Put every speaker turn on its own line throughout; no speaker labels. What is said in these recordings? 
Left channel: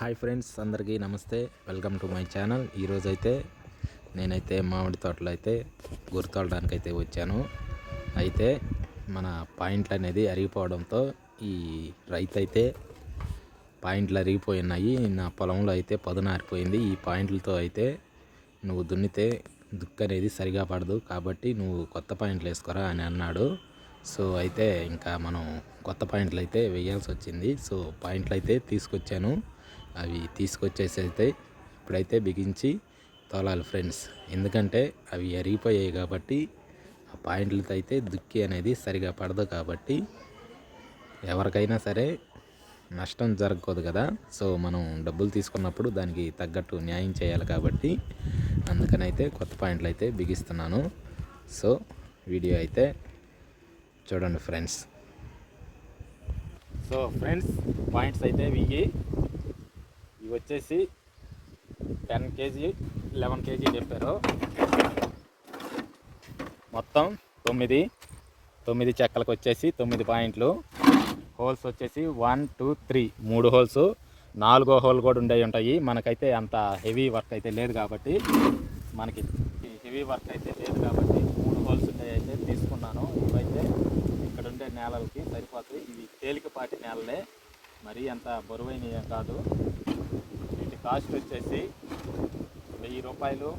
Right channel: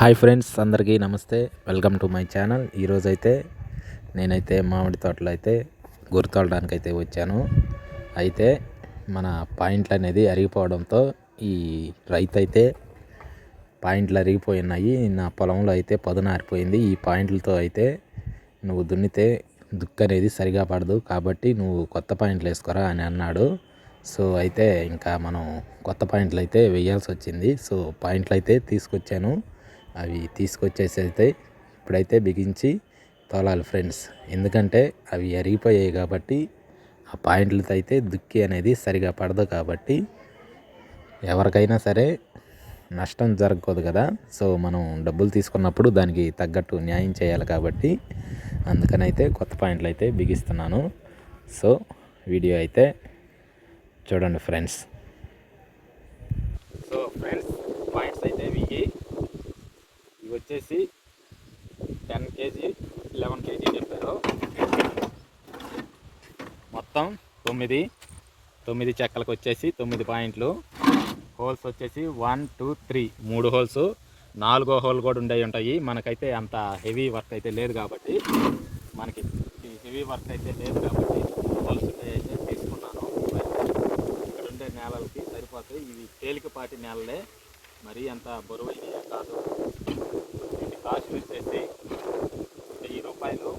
Hi friends అందరికీ నమస్తే. Welcome to my channel. ఈరోజైతే నేనైతే మామిడి తోటలో అయితే గుర్తోడడానికి అయితే వచ్చాను. అయితే మన పాయింట్లు అనేది అరిగిపోవడంతో ఈ రైతు అయితే పాయింట్లు అరిగిపోయి ఉన్నాయి నా పొలంలో అయితే పదునారిపోయింది ఈ పాయింట్లతో అయితే నువ్వు దున్నితే దుక్కు అనేది సరిగా పడదు. కాబట్టి నువ్వు కొత్త పాయింట్లు వేసుకోరా అని అన్నాడు. సో అయితే ఇంకా మనం కొత్త పాయింట్లు అయితే వేయాల్సి వచ్చింది. సో పాయింట్లు అయితే తీసుకొచ్చాను. అవి తీసుకొచ్చేసి అయితే ఇప్పుడైతే బిగించి తోలాలి ఫ్రెండ్స్. ఎందుకంటే అవి ఎరిగిపోయాయి కాబట్టి ఆ పాయింట్లతో అయితే దుక్కి అనేది సరిగా పడదు కాబట్టి ఎవరికైనా సరే నష్టం జరగకూడదు కదా. సో మనం డబ్బులు తీసుకున్నప్పుడు దానికి తగ్గట్టు న్యాయం చేయాలి కాబట్టి అందుకనైతే కొత్త పాయింట్లు అయితే బిగిస్తున్నాను. సో వీడియో అయితే చూడండి ఫ్రెండ్స్. సో ఫ్రెండ్స్ పాయింట్స్ అయితే బిగి ఇవి వచ్చేసి టెన్ కేజీ లెవెన్ కేజీ చెప్పారు. మొత్తం తొమ్మిది తొమ్మిది చెక్కలకు వచ్చేసి తొమ్మిది పాయింట్లు. హోల్స్ వచ్చేసి వన్ టూ త్రీ మూడు హోల్స్. నాలుగో హోల్ కూడా ఉండే ఉంటాయి. మనకైతే అంత హెవీ వర్క్ అయితే లేదు కాబట్టి మనకి హెవీ వర్క్ అయితే లేదు కాబట్టి మూడు హోల్స్ అయితే తీసుకున్నాను. ఇక్కడ ఉండే నేలలకి సరిపోతాయి. ఇవి తేలికపాటి నేలలే. మరీ అంత బరువైనవి కాదు. వీటి కాస్ట్ వచ్చేసి వెయ్యి రూపాయలు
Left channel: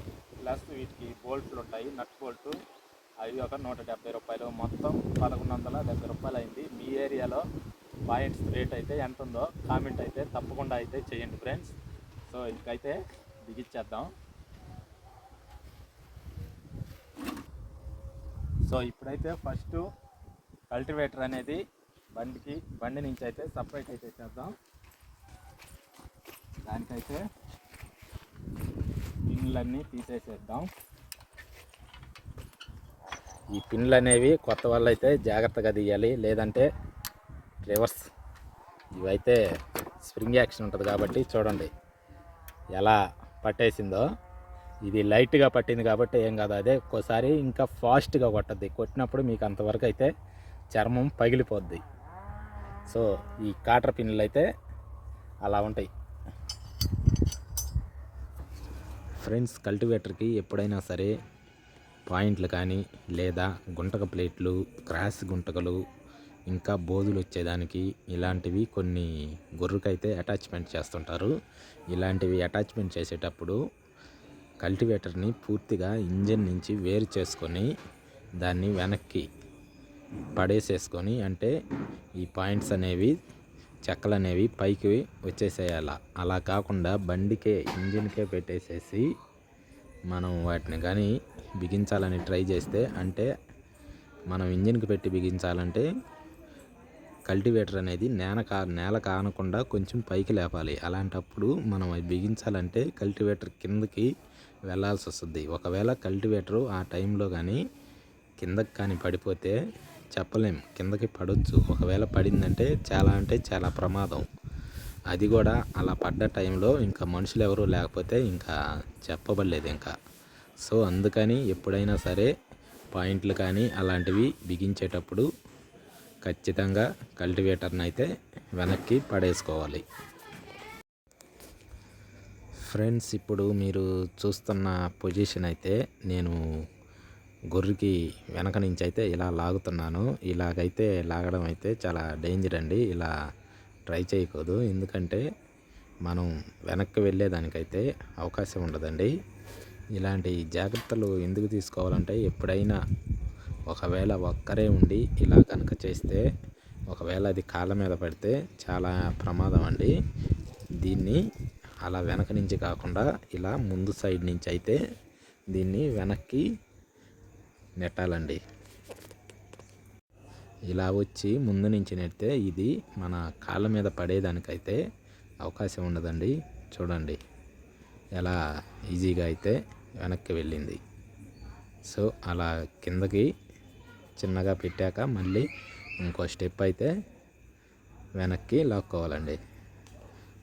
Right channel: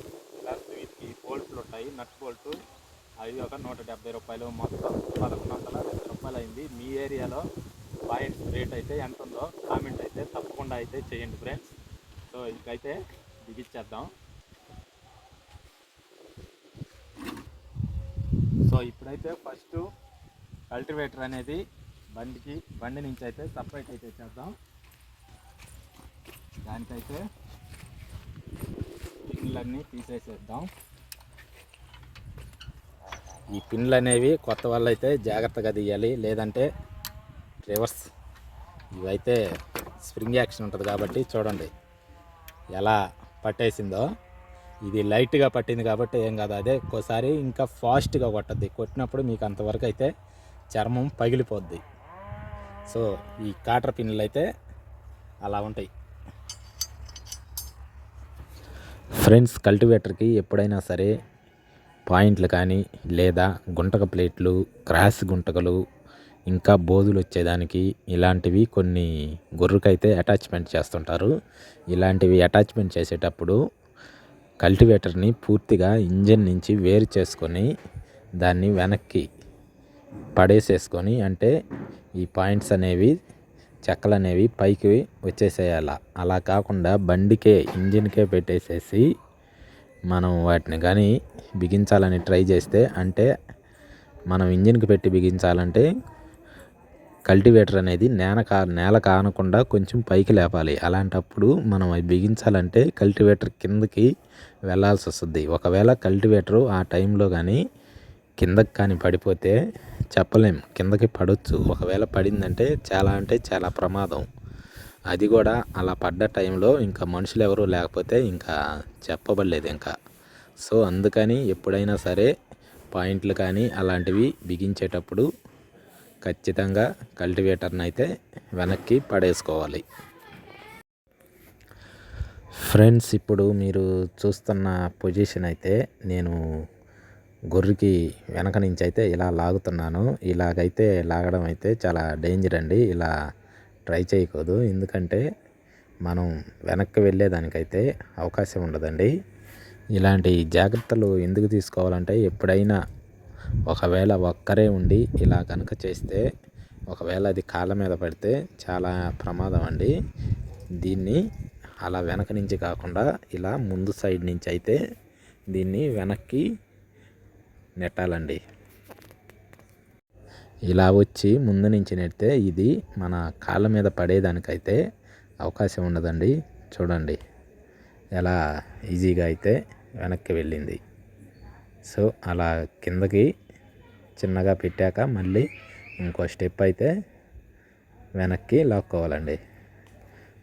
ప్లస్ వీటికి బోల్ట్లు ఉంటాయి నట్ బోల్ట్ అవి ఒక నూట డెబ్బై రూపాయలు. మొత్తం పదకొండు వందల డెబ్బై రూపాయలు అయింది. మీ ఏరియాలో పాయింట్స్ రేట్ అయితే ఎంత ఉందో కామెంట్ అయితే తప్పకుండా అయితే చేయండి ఫ్రెండ్స్ సో ఇంకైతే బిగిచ్చేద్దాం. సో ఇప్పుడైతే ఫస్ట్ కల్టివేటర్ అనేది బండికి బండి నుంచి అయితే సపరేట్ అయితే చేద్దాం. దానికైతే పిన్లన్నీ తీసేసేద్దాం. ఈ పిన్లు అనేవి కొత్త వాళ్ళు అయితే జాగ్రత్తగా తీయాలి. లేదంటే రివర్స్. ఇవైతే స్ప్రింగ్ యాక్షన్ ఉంటుంది కాబట్టి చూడండి ఎలా పట్టేసిందో. ఇది లైట్గా పట్టింది కాబట్టి ఏం కాదు అదే. ఒక్కోసారి ఇంకా ఫాస్ట్గా కొట్టద్ది. కొట్టినప్పుడు మీకు అంతవరకు అయితే చర్మం పగిలిపోద్ది. సో ఈ కాటర్ పిన్నులు అయితే అలా ఉంటాయి. ఫ్రెండ్స్ కల్టివేటర్కి ఎప్పుడైనా సరే పాయింట్లు కానీ లేదా గుంటక ప్లేట్లు క్రాస్ గుంటకలు ఇంకా బోధులు వచ్చేదానికి ఇలాంటివి కొన్ని గొర్రెకైతే అటాచ్మెంట్ చేస్తుంటారు. ఇలాంటివి అటాచ్మెంట్ చేసేటప్పుడు కల్టివేటర్ని పూర్తిగా ఇంజన్ నుంచి వేరు చేసుకొని దాన్ని వెనక్కి పడేసేసుకొని అంటే ఈ పాయింట్స్ అనేవి చెక్కలు అనేవి పైకి వచ్చేసేయాల. అలా కాకుండా బండికే ఇంజిన్కే పెట్టేసేసి మనం వాటిని కానీ బిగించాలని ట్రై చేస్తే అంటే మనం ఇంజిన్కి పెట్టి బిగించాలంటే కల్టివేటర్ అనేది నేల కా నేల కానకుండా కొంచెం పైకి లేపాలి. అలాంటప్పుడు మనం అవి బిగించాలంటే కల్టివేటర్ కిందకి వెళ్ళాల్సి వస్తుంది ఒకవేళ కల్టివేటరు ఆ టైంలో కానీ కిందకి కానీ పడిపోతే చెప్పలేం. కిందకి పడవచ్చు ఒకవేళ పడిందంటే చాలా అంటే చాలా ప్రమాదం. అది కూడా అలా పడ్డ టైంలో ఇంకా మనుషులు ఎవరు లేకపోతే ఇంకా చెప్పబడలేదు ఇంకా. సో అందుకని ఎప్పుడైనా సరే పాయింట్లు కానీ అలాంటివి బిగించేటప్పుడు ఖచ్చితంగా కల్టివేటర్ని అయితే వెనక్కి పడేసుకోవాలి. ఫ్రెండ్స్ ఇప్పుడు మీరు చూస్తున్న పొజిషన్ అయితే నేను గొర్రెకి వెనక నుంచి అయితే ఇలా లాగుతున్నాను. ఇలాగైతే లాగడం అయితే చాలా డేంజర్ అండి. ఇలా ట్రై చేయకూడదు. ఎందుకంటే మనం వెనక్కి వెళ్ళేదానికైతే అవకాశం ఉండదండి. ఇలాంటి జాగ్రత్తలు ఎందుకు తీసుకోవాలంటే ఎప్పుడైనా ఒకవేళ ఒక్కరే ఉండి ఇలా కనుక చేస్తే ఒకవేళ అది కాళ్ళ మీద పడితే చాలా ప్రమాదం అండి. దీన్ని అలా వెనక నుంచి కాకుండా ఇలా ముందు సైడ్ నుంచి అయితే దీన్ని వెనక్కి నెట్టాలండి. ఇలా వచ్చి ముందు నుంచి నెడితే ఇది మన కాళ్ళ మీద పడేదానికైతే అవకాశం ఉండదండి. చూడండి. ఎలా ఈజీగా అయితే వెనక్కి వెళ్ళింది. సో అలా కిందకి చిన్నగా పెట్టాక మళ్ళీ ఇంకో స్టెప్ అయితే వెనక్కి లాక్కోవాలండి.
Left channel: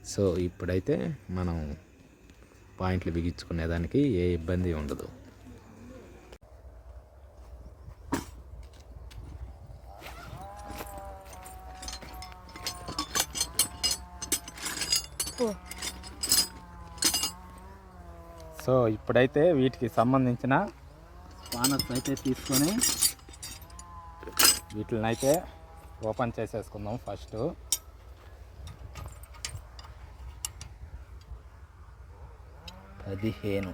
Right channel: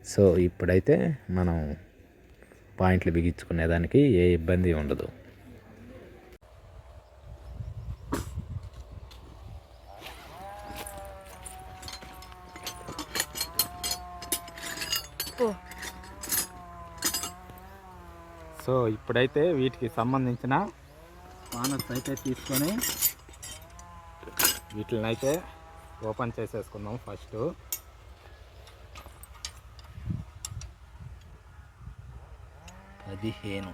సో ఇప్పుడైతే మనం పాయింట్లు బిగించుకునేదానికి ఏ ఇబ్బంది ఉండదు. సో ఇప్పుడైతే వీటికి సంబంధించిన స్పానర్స్ అయితే తీసుకొని వీటిని అయితే ఓపెన్ చేసేసుకుందాం ఫస్ట్.
పదిహేను.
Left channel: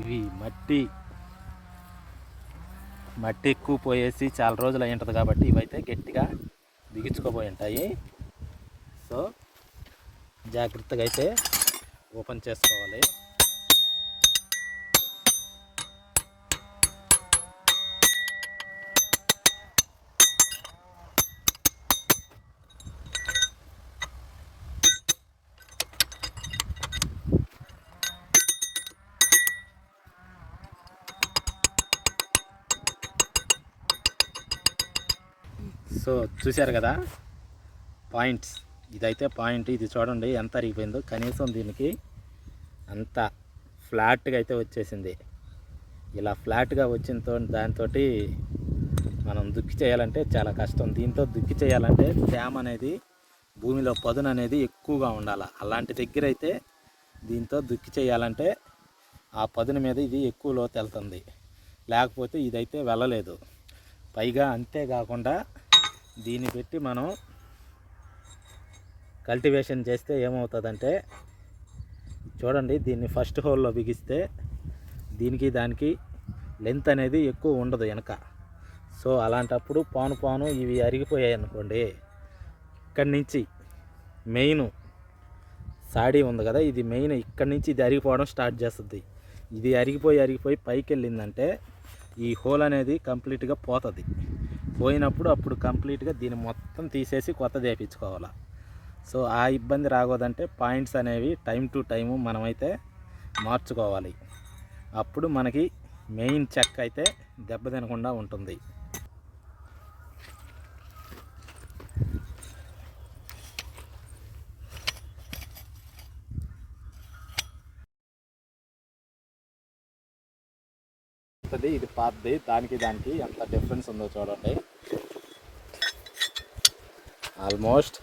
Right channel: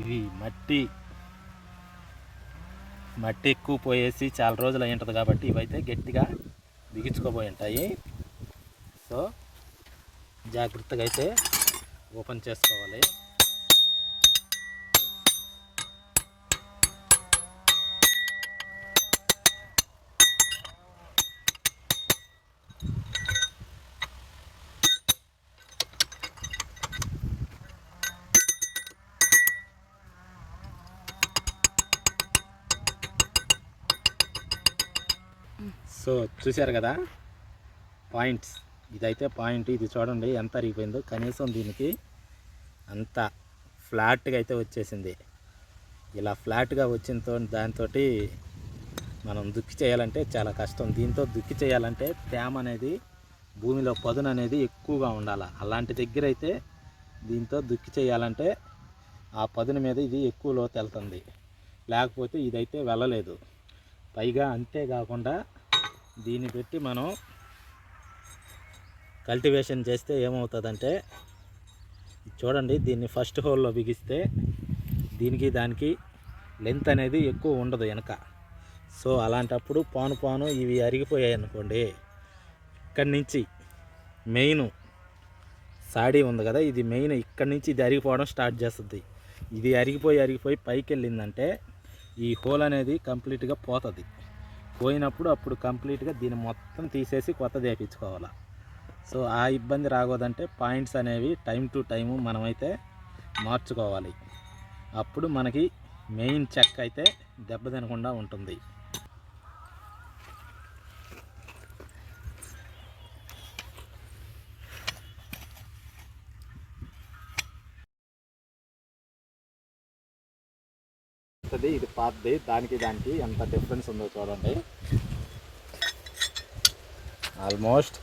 ఇవి మట్టి. మట్టి ఎక్కువ పోయేసి చాలా రోజులు అయి ఉంటుంది కాబట్టి ఇవైతే గట్టిగా బిగించుకోబోయి ఉంటాయి. సో జాగ్రత్తగా అయితే ఓపెన్ చేసుకోవాలి. సో చూశారు కదా? పాయింట్స్. ఇదైతే పాయింట్ ఇది చూడండి ఎంత అరిగిపోయిందో. కనీసం దీనికి అంత ఫ్లాట్గా అయితే వచ్చేసింది. ఇలా ఫ్లాట్గా వచ్చిన దాంతో మనం దుక్కి చేయాలంటే చాలా కష్టం. దీంతో దుక్కి చేయాలంటే తేమ అనేది భూమిలో పదును అనేది ఎక్కువగా ఉండాలి. అలాంటి దగ్గర అయితే దీంతో దుక్కి చేయాలంటే ఆ పదును మీద ఇది ఎక్కువ లోతు వెళ్తుంది లేకపోతే ఇదైతే వెళ్ళలేదు. పైగా అంతేకాకుండా దీన్ని పెట్టి మనం కల్టివేషన్ చేస్తే ఏమవుతుందంటే చూడండి దీన్ని ఫస్ట్ హోల్లో బిగిస్తే దీనికి దానికి లెంత్ అనేది ఎక్కువ ఉండదు వెనక. సో అలాంటప్పుడు పాను పాను ఇవి అరిగిపోయాయి అనుకోండి ఇక్కడి నుంచి మెయిన్ సాడీ ఉంది కదా ఇది మెయిన్ ఇక్కడి నుంచి ఇది అరిగిపోవడం స్టార్ట్ చేస్తుంది. ఇది అరిగిపోయి అరిగిపోయి పైకి వెళ్ళిందంటే ఈ హోల్ అనేది కంప్లీట్గా పోతుంది. పోయినప్పుడు అప్పుడు కంప్లీట్గా దీన్ని మొత్తం తీసేసి కొత్తది వేయించుకోవాలి సో ఆ ఇబ్బంది రాకూడదంటే పాయింట్స్ అనేవి టైం టు టైము మనమైతే మార్చుకోవాలి. అప్పుడు మనకి మెయిన్ చెక్ అయితే దెబ్బ తినకుండా ఉంటుంది. కొత్తది ఇది పాతది దానికి దానికి ఎంత డిఫరెన్స్ ఉందో చూడండి. ఆల్మోస్ట్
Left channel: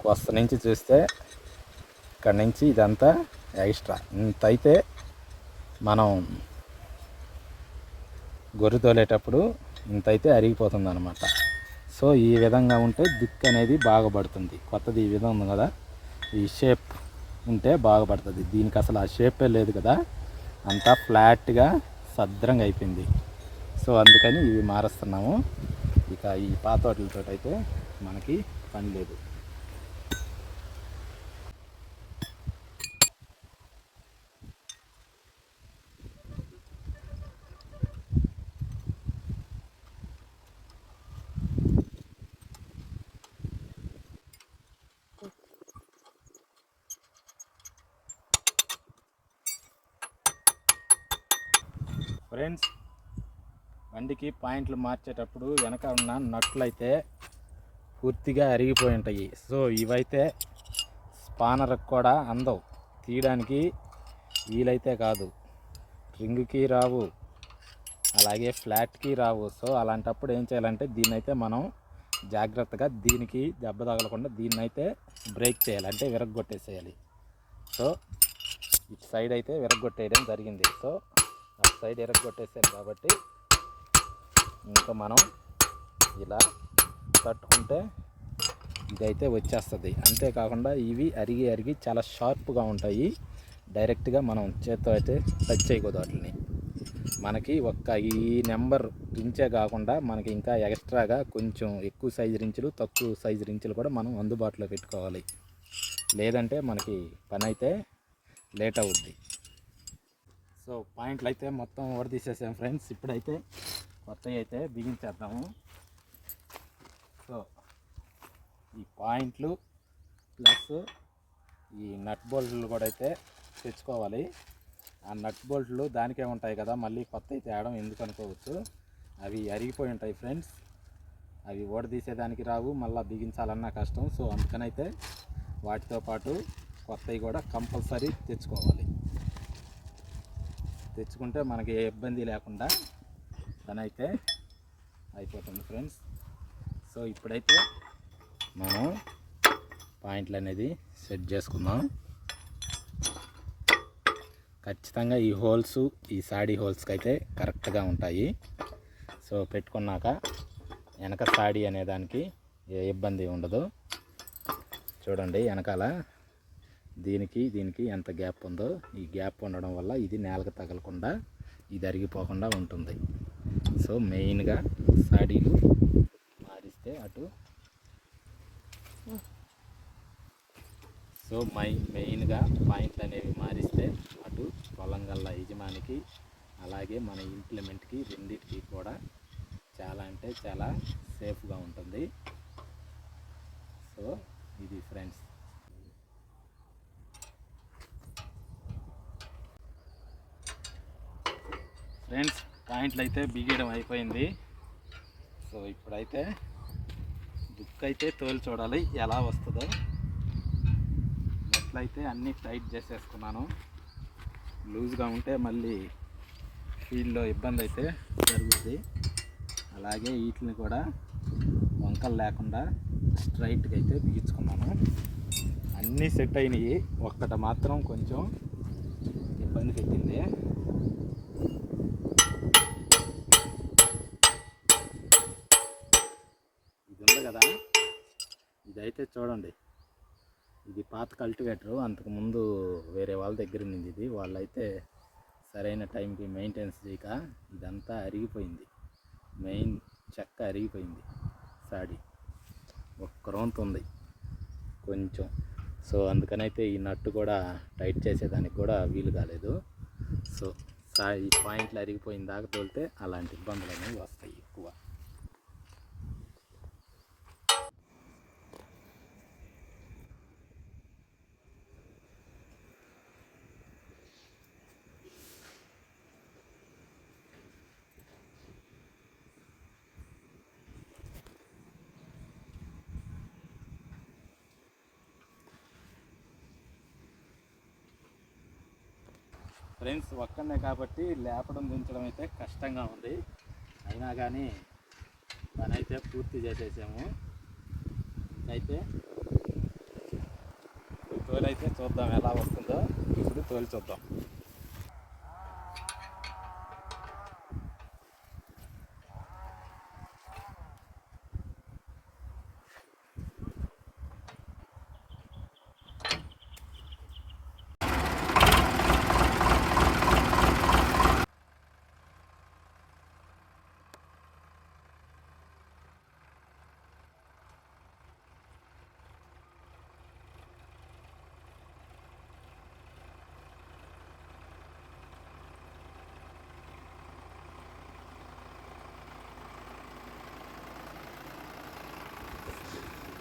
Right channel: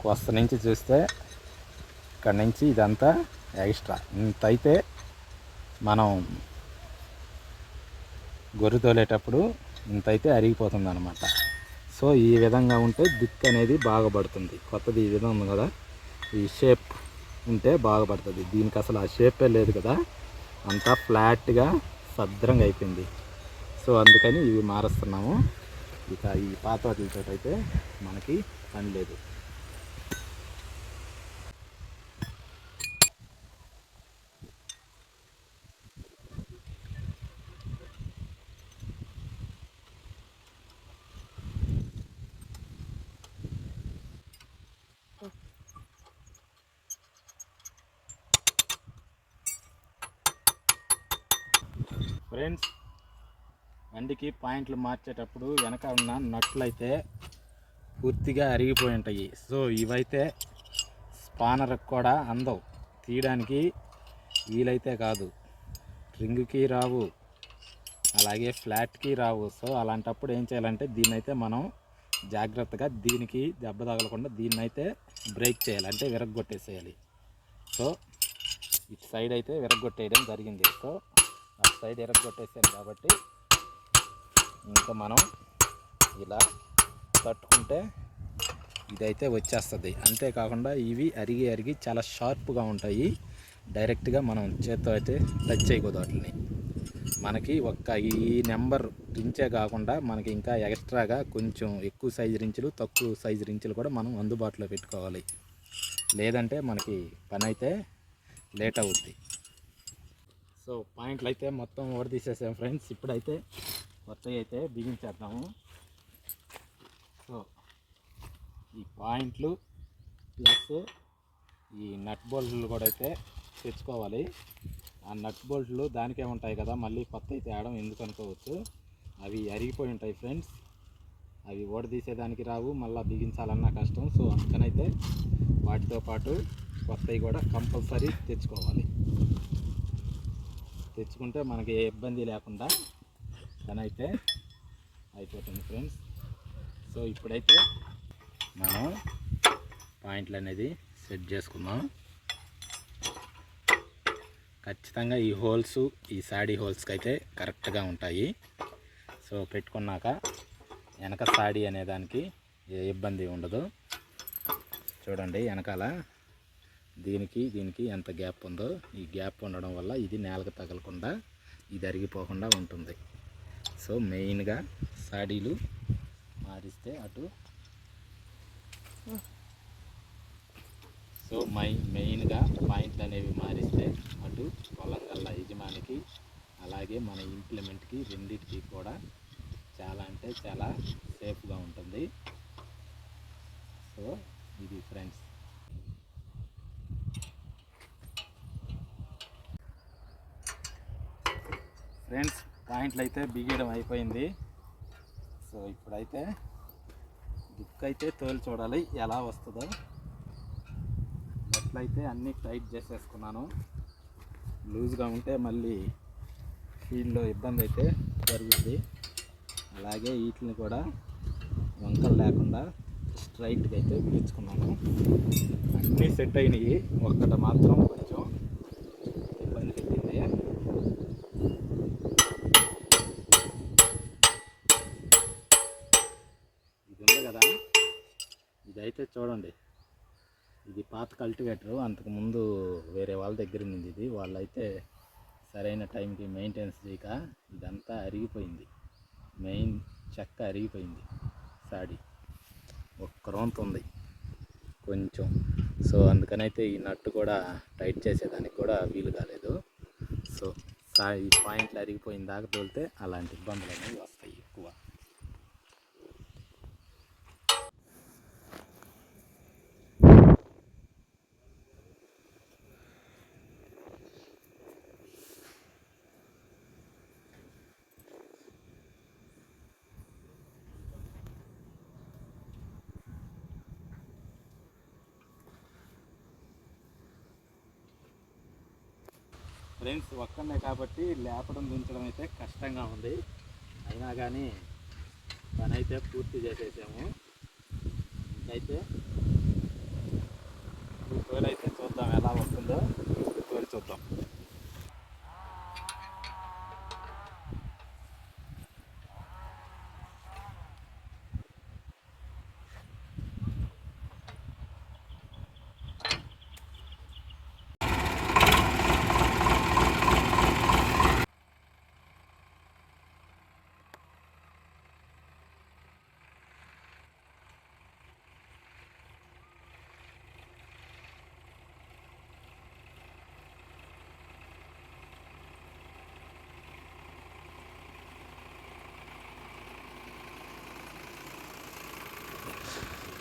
కొత్త నుంచి చూస్తే ఇక్కడ నుంచి ఇదంతా ఎక్స్ట్రా ఇంత అయితే మనం గొర్రె తోలేటప్పుడు ఇంత అయితే అరిగిపోతుంది అనమాట సో ఈ విధంగా ఉంటే దిక్కు అనేది బాగుపడుతుంది కొత్తది ఈ విధంగా ఉంది కదా ఈ షేప్ ఉంటే బాగుపడుతుంది దీనికి అసలు ఆ షేపే లేదు కదా అంతా ఫ్లాట్గా సద్రంగా అయిపోయింది. సో అందుకని ఇవి మారుస్తున్నాము. ఇక ఈ పాత వాటితో అయితే మనకి పని లేదు. ఫ్రెండ్స్. బండికి పాయింట్లు మార్చేటప్పుడు వెనక ఉన్న నట్లు అయితే పూర్తిగా అరిగిపోయి ఉంటాయి. సో ఇవైతే స్పానర్కి కూడా అందవు. తీయడానికి వీలైతే కాదు. రింగ్కి రావు. అలాగే ఫ్లాట్కి రావు. సో అలాంటప్పుడు ఏం చేయాలంటే దీన్ని అయితే మనం జాగ్రత్తగా దీనికి దెబ్బ తగలకుండా దీన్ని అయితే బ్రేక్ చేయాలి. అంటే విరగొట్టేసేయాలి సో ఇటు సైడ్ అయితే విరగొట్టేయడం జరిగింది. సో ఆ సైడ్ ఎరగొట్టేసాను కాబట్టి ఇంకా మనం ఇలా తట్టుకుంటే ఇదైతే వచ్చేస్తుంది. అంతేకాకుండా ఇవి అరిగి అరిగి చాలా షార్ప్గా ఉంటాయి. డైరెక్ట్గా మనం చేత్తో అయితే టచ్ చేయకూడదు వాటిని. మనకి ఒక్క ఈ నెంబర్ రించే కాకుండా మనకి ఇంకా ఎక్స్ట్రాగా కొంచెం ఎక్కువ సైజు రించులు తక్కువ సైజు రించులు కూడా మనం అందుబాటులో పెట్టుకోవాలి. లేదంటే మనకి పని అయితే లేట్ అవుద్ది. సో పాయింట్లు అయితే మొత్తం ఓడదీసేసాం ఫ్రెండ్స్. ఇప్పుడైతే కొత్తవి అయితే బిగించేద్దాము సో ఈ పాయింట్లు ప్లస్ ఈ నట్ బోల్ట్లు కూడా అయితే తెచ్చుకోవాలి. ఆ నట్ బోల్ట్లు దానికే ఉంటాయి కదా మళ్ళీ కొత్త తేడం ఎందుకు అనుకోవచ్చు? అవి అరిగిపోయి ఉంటాయి ఫ్రెండ్స్. అవి ఓడదీసేదానికి రావు మళ్ళీ బిగించాలన్నా కష్టం. సో అందుకనైతే వాటితో పాటు కొత్తవి కూడా కంపల్సరీ తెచ్చుకోవాలి. తెచ్చుకుంటే మనకి ఏ ఇబ్బంది లేకుండా పనైతే అయిపోతుంది ఫ్రెండ్స్. సో ఇప్పుడైతే మనం పాయింట్లు అనేది సెట్ చేసుకుందాం. ఖచ్చితంగా ఈ హోల్స్ ఈ సాడీ హోల్స్కి అయితే కరెక్ట్గా ఉంటాయి. సో పెట్టుకున్నాక వెనక సాడీ అనే దానికి ఏ ఇబ్బంది ఉండదు. చూడండి వెనకాల దీనికి దీనికి ఎంత గ్యాప్ ఉందో ఈ గ్యాప్ ఉండడం వల్ల ఇది నేలకు తగలకుండా ఇది అరిగిపోకుండా ఉంటుంది. సో మెయిన్గా సాడీలు మారిస్తే అటు. సో మై మెయిన్గా పాయింట్లు అనేవి మారిస్తే అటు పొలంగల్ల యజమానికి అలాగే మన ఇంప్లిమెంట్కి రెండింటికి కూడా చాలా అంటే చాలా సేఫ్గా ఉంటుంది. సో ఇది ఫ్రెండ్స్. ఫ్రెండ్స్ పాయింట్లు అయితే బిగేయడం అయిపోయింది. సో ఇప్పుడైతే దుక్కు అయితే తోలు చూడాలి ఎలా వస్తుందో. నెట్లయితే అన్నీ టైట్ చేసేసుకున్నాను. లూజ్గా ఉంటే మళ్ళీ ఫీల్డ్లో ఇబ్బంది అయితే జరుగుతుంది అలాగే వీటిని కూడా వంకలు లేకుండా స్ట్రైట్గా అయితే బిగించుకున్నాను. అన్నీ సెట్ అయినాయి. ఒక్కటి మాత్రం కొంచెం ఇబ్బంది పెట్టింది. చూడండి. ఇది పాత కల్టివేటరు. అంతకుముందు వేరే వాళ్ళ దగ్గర ఉంది ఇది. వాళ్ళైతే సరైన టైంకి మెయింటెనెన్స్ చేయక ఇదంతా అరిగిపోయింది. మెయిన్ చెక్క అరిగిపోయింది. సాడి. ఒక్క రౌంత్ ఉంది. కొంచెం. సో అందుకనైతే ఈ నట్టు కూడా టైట్ చేసేదానికి కూడా వీలు కాలేదు. సో సా ఈ పాయింట్లు అరిగిపోయిన దాకా తోలితే అలాంటి ఇబ్బందులు అనేవి వస్తాయి ఎక్కువ ఫ్రెండ్స్ ఒక్కనే కాబట్టి లేపడం దించడం అయితే కష్టంగా ఉంది. అయినా కానీ పని అయితే పూర్తి చేసేసాము. ఇంకైతే తోలైతే చూద్దాం ఎలా వస్తుందో. ఇప్పుడు తోలు చూద్దాం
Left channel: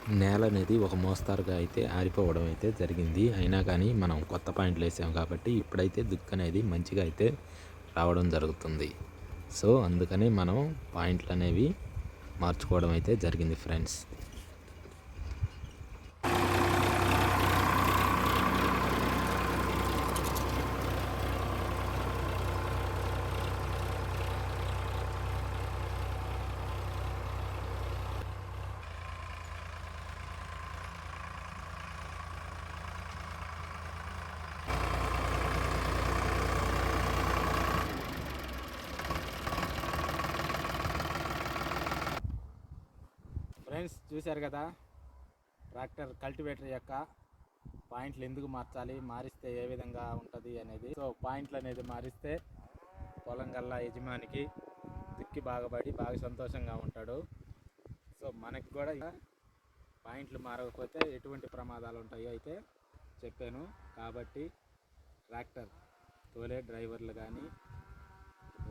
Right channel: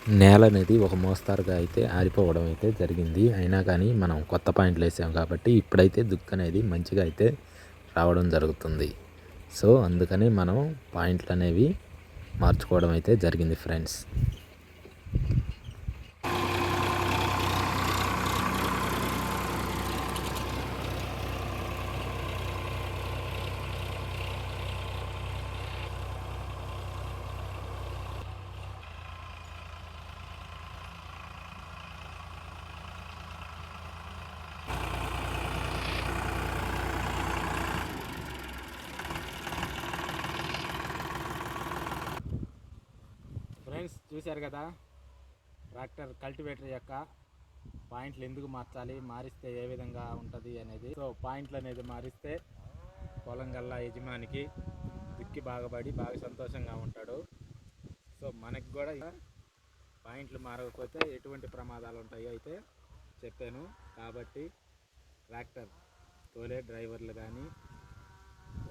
నేల అనేది ఒక మోస్తారుగా అయితే ఆరిపోవడం అయితే జరిగింది. అయినా కానీ మనం కొత్త పాయింట్లు వేసాం కాబట్టి ఇప్పుడైతే దుక్కు అనేది మంచిగా అయితే రావడం జరుగుతుంది. సో అందుకని మనం పాయింట్లు అనేవి మార్చుకోవడం అయితే జరిగింది ఫ్రెండ్స్ ఫ్రెండ్స్ చూశారు కదా? ట్రాక్టర్ కల్టివేటర్ యొక్క పాయింట్లు ఎందుకు మార్చాలి? మారిస్తే ఏ విధంగా ఉంటుంది అనేది. సో పాయింట్లు అనేది మారిస్తే పొలం గల్లా యజమానికి దిక్కి బాగుపడి బాగా సంతోషంగా ఉంటాడు. సో మనకి కూడా పాయింట్లు మారకపోతే ఎటువంటి ప్రమాదాలు ఉంటాయో అయితే చెప్పాను. కాబట్టి ట్రాక్టర్ తోలే డ్రైవర్లు కానీ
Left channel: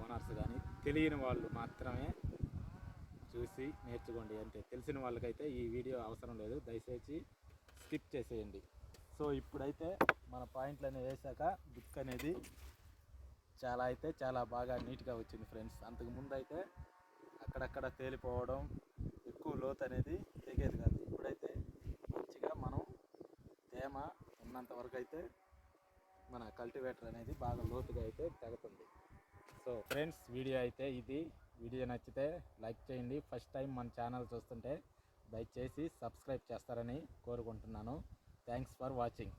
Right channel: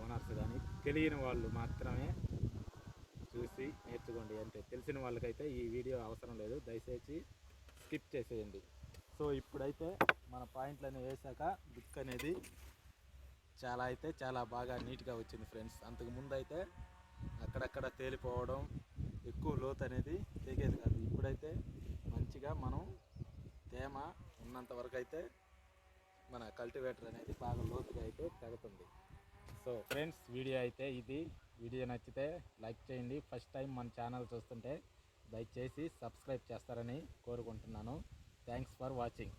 ఓనర్స్ కానీ తెలియని వాళ్ళు మాత్రమే చూసి నేర్చుకోండి అంతే తెలిసిన వాళ్ళకైతే ఈ వీడియో అవసరం లేదు. దయచేసి స్కిప్ చేసేయండి. సో ఇప్పుడైతే మన పాయింట్లు అనేవి వేసాక బుక్ అనేది చాలా అయితే చాలా బాగా నీట్గా వచ్చింది ఫ్రెండ్స్. అంతకుముందు అయితే అక్కడక్కడ తేలిపోవడం ఎక్కువ లోతు అనేది తెగేది కాదు. ఇప్పుడైతే మంచిగా మనం తేమ ఉన్నంత వరకు అయితే మన కల్టివేటర్ అనేది బాగా లోతుగా అయితే తగ్గుతుంది సో ఫ్రెండ్స్ వీడియో అయితే ఇది. వీడియో నచ్చితే లైక్ చేయండి. ఫస్ట్ టైం మన ఛానల్ చూస్తుంటే దయచేసి సబ్స్క్రైబ్ చేస్తారని కోరుకుంటున్నాను. Thanks for watching.